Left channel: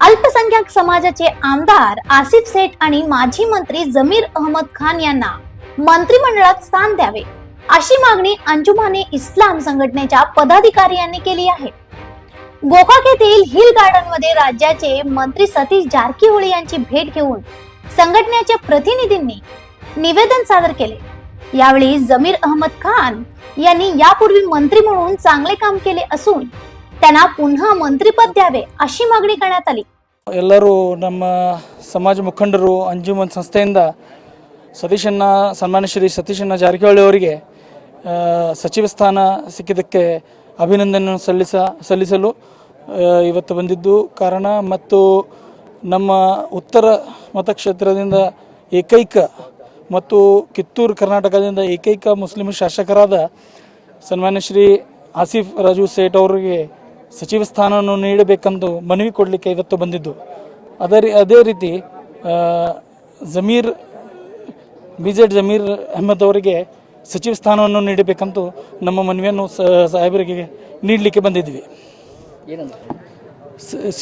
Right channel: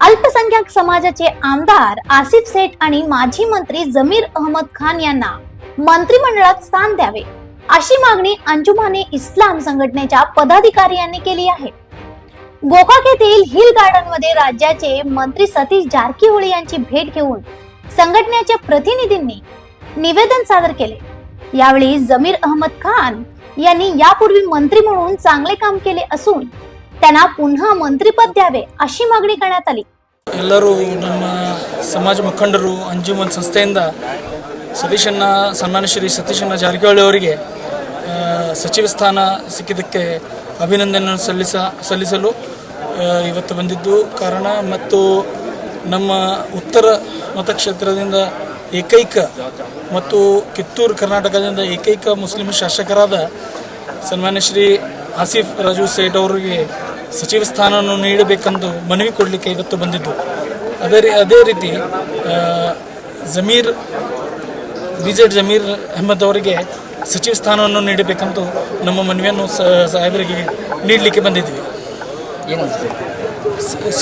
अल्पसंख्याक समाजाचे आमदार आसिफ सेठ आणि माजी मंत्री जमीर अहमद खान यांना मंत्रिमंडळात स्थान द्यावे अशी मागणी अंजुमाने इस्लाम संघटनेच्या पदाधिकाऱ्यांनी केली आहे. गोकाक येथील हिल गार्डन मध्ये राज्याचे मंत्री सतीश जारकीहोळी यांची भेट घेऊन संघटनेच्या प्रतिनिधींनी निवेदन सादर केले. यावेळी जमीर अहमद खान यांनी यापूर्वी मंत्री म्हणून चांगले काम केले असून त्यांना पुन्हा मंत्रिपद द्यावे अशी मागणी करण्यात आली. ಎಲ್ಲರೂ ನಮ್ಮ ಸಮಾಜ ಮುಖಂಡರು ಅಂಜುಮನ್ ಸಂಸ್ಥೆಯಿಂದ ಸನ್ಮಾನ್ಯ ಶ್ರೀ ಸತೀಶಣ್ಣ ಜಾರಕಿಹೊಳಿ ಅವರಿಗೆ ಸಚಿವ ಸ್ಥಾನ ಸಿಕ್ಕಿದ್ದಕ್ಕೆ ಅಭಿನಂದನೆ ಸಲ್ಲಿಸಲು ಇವತ್ತು ಬಂದಿದ್ದು ಕಾರಣ. ಮತ್ತು ನಮ್ಮ ಉತ್ತರ ಮತಕ್ಷೇತ್ರದಿಂದ ಏಕೈಕ ಮತ್ತು ಕಿತ್ತೂರು ಕರ್ನಾಟಕದಿಂದ ಏಕೈಕ ಮುಸ್ಲಿಂ ಶಾಸಕರಾದ ಸನ್ಮಾನ್ಯ ಶ್ರೀ ಆಸಿಫ್ ರಾಜು ಸೇಠ್ ಅವರಿಗೆ ಸಚಿವ ಸ್ಥಾನವನ್ನು ನೀಡಬೇಕೆಂದು ಮನವಿ ಕೊಡಲಿಕ್ಕೆ ಇವತ್ತು ಬಂದಿದ್ದು. ಅದೇ ರೀತಿ ಜಮೀರ್ ಅಹಮದ್ ಅವರಿಗೆ ಸಚಿವ ಸ್ಥಾನವನ್ನು ನೀಡಬೇಕೆಂದು ನಮ್ಮ ಮನವಿಯನ್ನು ಸಾಹೇಬರಿಗೆ ನೀಡಲಿಕ್ಕೆ ಬಂದಿದ್ವಿ.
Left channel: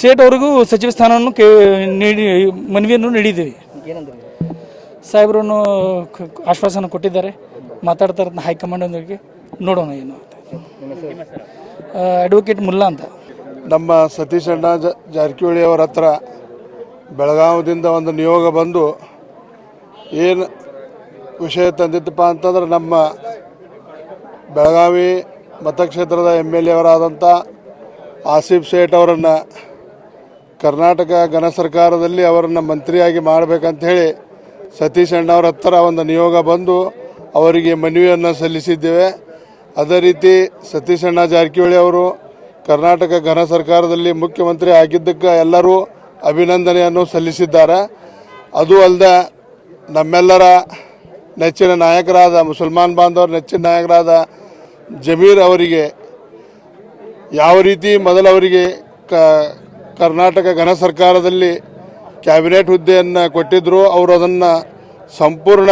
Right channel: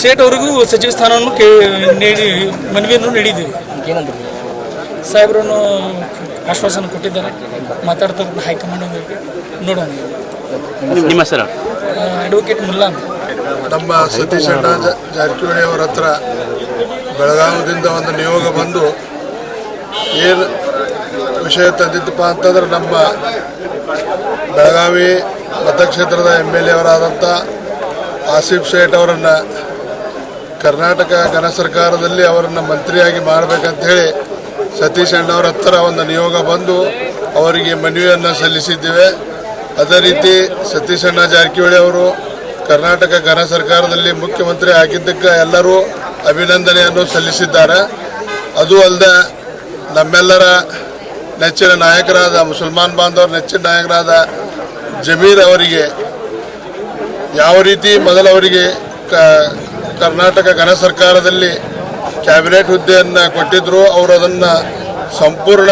ಸೇಠ್ ಅವರಿಗೂ ಸಚಿವ ಸ್ಥಾನವನ್ನು ಮನವಿಯನ್ನು ನೀಡಿದ್ದೀವಿ. ಸಾಹೇಬರನ್ನು ಆಶ್ವಾಸನ ಕೊಟ್ಟಿದ್ದಾರೆ, ಮಾತಾಡ್ತಾರೆ ಹೈಕಮಾಂಡ್ ನೋಡೋಣ. ನಿಮ್ಮ ಹೆಸರು? ಅಡ್ವೊಕೇಟ್ ಮುಲ್ಲಾ ಅಂತ. ನಮ್ಮ ಸತೀಶ್ ಅಣ್ಣ ಜಾರಕಿಹೊಳಿ ಅವರ ಹತ್ರ ಬೆಳಗಾವದಿಂದ ಒಂದು ನಿಯೋಗ ಬಂದು ಏನು ವಿಷಯ ತಂದಿದ್ದಪ್ಪ ಅಂತಂದ್ರೆ, ನಮ್ಮ ಬೆಳಗಾವಿ ಮತಕ್ಷೇತ್ರದ MLA ಅವರಾದಂಥ ಆಸಿಫ್ ಸೇಠ್ ಅವರನ್ನು ಕರ್ನಾಟಕ ಘನ ಸರ್ಕಾರದಲ್ಲಿ ಅವರನ್ನು ಮಂತ್ರಿಯಾಗಿ ಮಾಡಬೇಕಂತ ಹೇಳಿ ಸತೀಶ್ ಅಣ್ಣ ಅವರ ಹತ್ರ ಒಂದು ನಿಯೋಗ ಬಂದು ಅವರಿಗೆ ಮನವಿಯನ್ನು ಸಲ್ಲಿಸಿದ್ದೇವೆ. ಅದೇ ರೀತಿ ಸತೀಶ್ ಅಣ್ಣ ಜಾರಕಿಹೊಳಿ ಅವರು ಕರ್ನಾಟಕ ಘನ ಸರ್ಕಾರದಲ್ಲಿ ಮುಖ್ಯಮಂತ್ರಿ ಆಗಿದ್ದಕ್ಕೆ ಎಲ್ಲರೂ ಅಭಿನಂದನೆಯನ್ನು ಸಲ್ಲಿಸಿದ್ದಾರೆ. ಅದು ಅಲ್ಲದೆ ನಮ್ಮೆಲ್ಲರ ನೆಚ್ಚಿನ ನಾಯಕರಾದ ಮುಸಲ್ಮಾನ್ ಬಾಂಧವರ ನೆಚ್ಚಿನ ನಾಯಕರಾದ ಜಮೀರ್ ಅವರಿಗೆ ಯಾವ ರೀತಿ ಮೊದಲವರಿಗೆ ಕರ್ನಾಟಕ ಘನ ಸರ್ಕಾರದಲ್ಲಿ ಕ್ಯಾಬಿನೆಟ್ ಹುದ್ದೆಯನ್ನು ಕೊಟ್ಟಿದ್ದರು, ಅವರು ಅದನ್ನು ಸಂಪೂರ್ಣ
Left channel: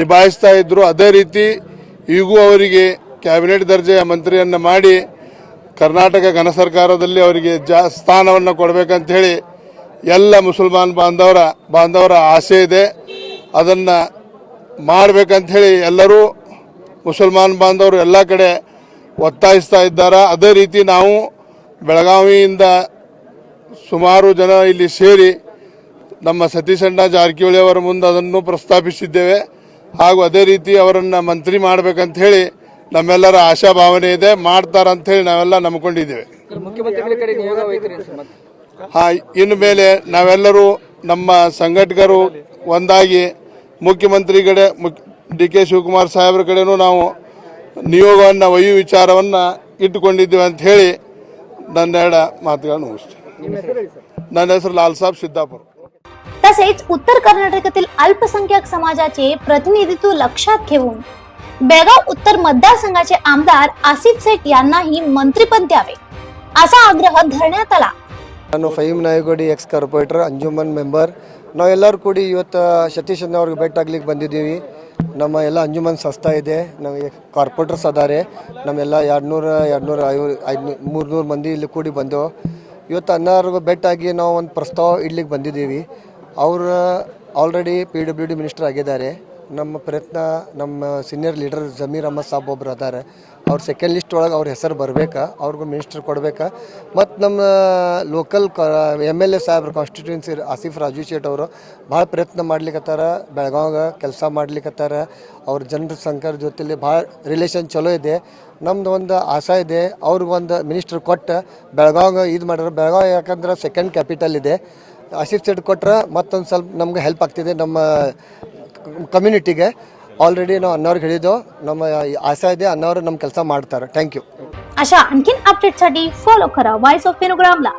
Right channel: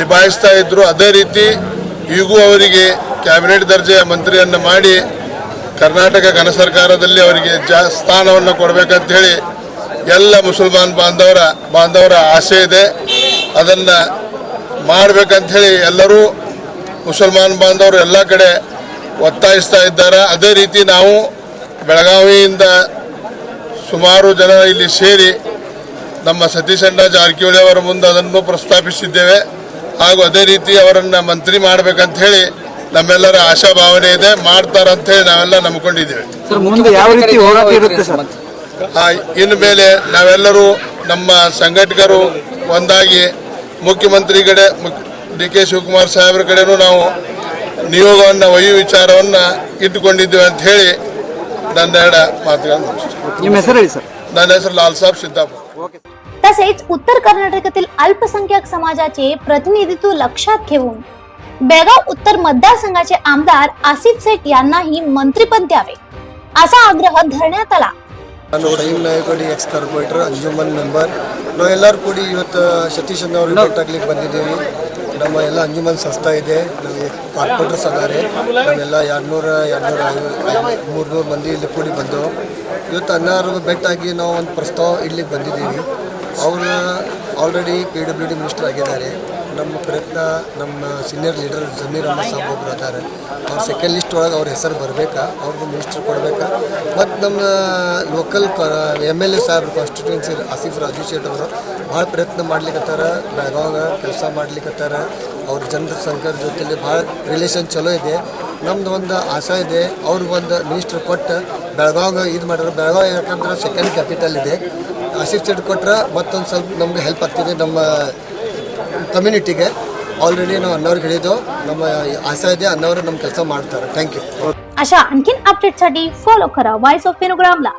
ನಿಭಾಯಿಸ್ತಾ ಇದ್ದರು. ಅದೇ ರೀತಿ ಈಗೂ ಅವರಿಗೆ ಕ್ಯಾಬಿನೆಟ್ ದರ್ಜೆಯ ಮಂತ್ರಿಯನ್ನು ಮಾಡಿ ಕರ್ನಾಟಕ ಘನ ಸರ್ಕಾರದಲ್ಲಿ ಅವರಿಗೆ ಸ್ಥಾನವನ್ನು ಕೊಡಬೇಕಂತ ಹೇಳಿ ಎಲ್ಲ ಮುಸಲ್ಮಾನ್ ಬಾಂಧವರ ಆಸೆ ಇದೆ. ಅದನ್ನು ಮಾಡಬೇಕಂತ ಹೇಳಿ ಎಲ್ಲರೂ ಮುಸಲ್ಮಾನ್ ಬಾಂಧವರು ಎಲ್ಲ ಕಡೆ ಒತ್ತಾಯಿಸ್ತಾ ಇದ್ದಾರೆ. ಅದೇ ರೀತಿ ನಾವು ಬೆಳಗಾವಿಯಿಂದ ಸುಮಾರು ಜನ ಇಲ್ಲಿ ಸೇರಿ ನಮ್ಮ ಸತೀಶ್ ಅಣ್ಣ ಜಾರಕಿಹೊಳಿ ಅವರ ಮುಂದೆ ಅದನ್ನು ಪ್ರಸ್ತಾಪಿಸಿದ್ದೇವೆ. ಹಾಗೂ ಅದೇ ರೀತಿ ಅವರನ್ನು ಮಂತ್ರಿ ಮಾಡಬೇಕಂತ ಹೇಳಿ ನಮ್ಮೆಲ್ಲರ ಆಶಾಭಾವನೆ ಇದೆ. ಮಾಡ್ತಾರಂತ ಹೇಳಿ ನಾವೆಲ್ಲ ನಂಬ್ಕೊಂಡಿದ್ದೇವೆ. ಇನ್ನು ಮೇಲೆ ನಾವೆಲ್ಲರೂ ನಮ್ಮ ಸಂಘಟಕರು ಒಂದಾಗಿ ಮುಖ್ಯಮಂತ್ರಿ ಕಡೆ DK ಶಿವಕುಮಾರ್ ಸಾಹೇಬ್ರ ಕಡೆನೂ ನಾವು ನಿಯೋಗವನ್ನು ಒಯ್ಯುವ ವಿಚಾರವನ್ನು ಇಟ್ಟುಕೊಂಡಿದ್ದೇವೆ ಅಂತ ಹೇಳಿ ನನ್ನ ಮಾತುಗಳನ್ನು ಮುಗಿಸ್ತೇನೆ. ನನ್ನ ಹೆಸರು लाल साहब सिद्धापुर. तसेच उत्तर कर्नाटकातील अल्पसंख्याक समाजाचे प्रतिनिधित्व लक्षात घेऊन बेळगाव उत्तर मतदारसंघाचे आमदार आसिफ सेठ यांनाही मंत्रिपद द्यावे असा आग्रह धरण्यात आला. ನಾನು Faheem ನಾಯಗೌಡಿ X corporate Anjuman member. ನಾವೆಲ್ಲರೂ ಕೂಡಿ ಇವತ್ತು ಸತೀಶ್ ಅಣ್ಣ ಅವ್ರಿಗೆ ಭೇಟಾಗ್ಲಿಕ್ಕೆ ಬಂದಿದ್ದೀವಿ. ನಮ್ಮ ಎಲ್ಲ ಅಂಜುಮನ್ ಸಂಸ್ಥೆ ಇದೆ, ನಮಗೆ ಕಾರ್ಪೊರೇಟರ್ಸ್ ಅದಾರೆ. ನಾವೆಲ್ಲ 200-300 ಮಂದಿ ಇಲ್ಲಿ ಕೂಡಿ ಬಂದೆವು. ಇವತ್ತು ಅಣ್ಣವ್ರಿಗೆ ಭೇಟಾಗಿ ನಾವು ಒಂದು ಪ್ರಸ್ತಾವ ಇಡ್ಲಿಕ್ಕೆ ಬಂದಿದ್ದೀವಿ. ಅವರು ಆಲ್ರೆಡಿ PWD ಮಿನಿಸ್ಟರ್ ಆಗಿದ್ದಾರೆ. ನಮ್ಮ ಪ್ರಯತ್ನ ನಮ್ಮ ಸೀನಿಯರ್ ಲೀಡರ್ ಜಮೀರ್ ಅಹಮದ್ ಸಾಬ್ ಒಬ್ಬರು ಅದಾರೆ. ಅವ್ರ ಸೆಕೆಂಡ್ ಲಿಸ್ಟ್ ಒಳಗೆ ಅವ್ರ ಹೆಸರು ಬರಬೇಕಾ, ಅವ್ರಿಗೂ ಮಿನಿಸ್ಟರ್ ಕೊಡಬೇಕಾ. ಮತ್ತು ನಮ್ಮ ಲೋಕಲ್ MLA ಸಾಹೇಬ್ ಕಾನ್ಸ್ಟಿಟ್ಯೂನ್ಸಿ ಆಸಿಫ್ ರಾಜು ಸೇಠ್ ಅವರು ಭಾಳ ಪ್ರಯತ್ನ ಮಾಡ್ಲಿಕ್ಕತ್ತಾರ, ಬೆಳಗಾವಾಗ ಕೆಲಸ ಮಾಡ್ಲಿಕ್ಕತ್ತಾರ. ಅವ್ರ ಜನರ ಸಂಘದ ಜೊತೆಲಿ ಭಾಳ ರಿಲೇಷನ್ ಚಲೋ ಇದೆ. ನಮ್ದು ಒಂದು ಆಸೆ ಇದೆ, ಅವ್ರಿಗೆ ಒಂದು ಮಿನಿಸ್ಟರ್ ಕೊಟ್ಟು ಬೆಳಗಾವಾಗ ಇದು ಮಾಡಿದ್ರು. ಬೆಳಗಾವಿ ಯಾಕಂದ್ರೆ ಸೆಕೆಂಡ್ ಕ್ಯಾಪಿಟಲ್ ಇದೆ. ಆಸಿಫ್ ಸೇಠ್ ಕೊಟ್ಟರೆ ಮತ್ತೊಂದು ಸ್ವಲ್ಪ ನಮ್ಗೆ ಹೆಲ್ಪ್ ಆಗ್ತಿದೆ ನಮ್ಮ ಕಮ್ಯುನಿಟಿಗೆ. ऑलरेडी ನಾವು ಅನ್ನೋರಿಗೆ ಹೇಳಿದ್ದು, ನಮ್ಮ ಆಸೆ ಇದೆ, ಅನ್ನೋರು ನಮ್ಮ ಕೆಲಸ ಮಾಡ್ತಾರೆ. Thank you. अशा आणखीन अपडेटसाठी फॉलो करा वॉइस ऑफ वेणुग्रामला.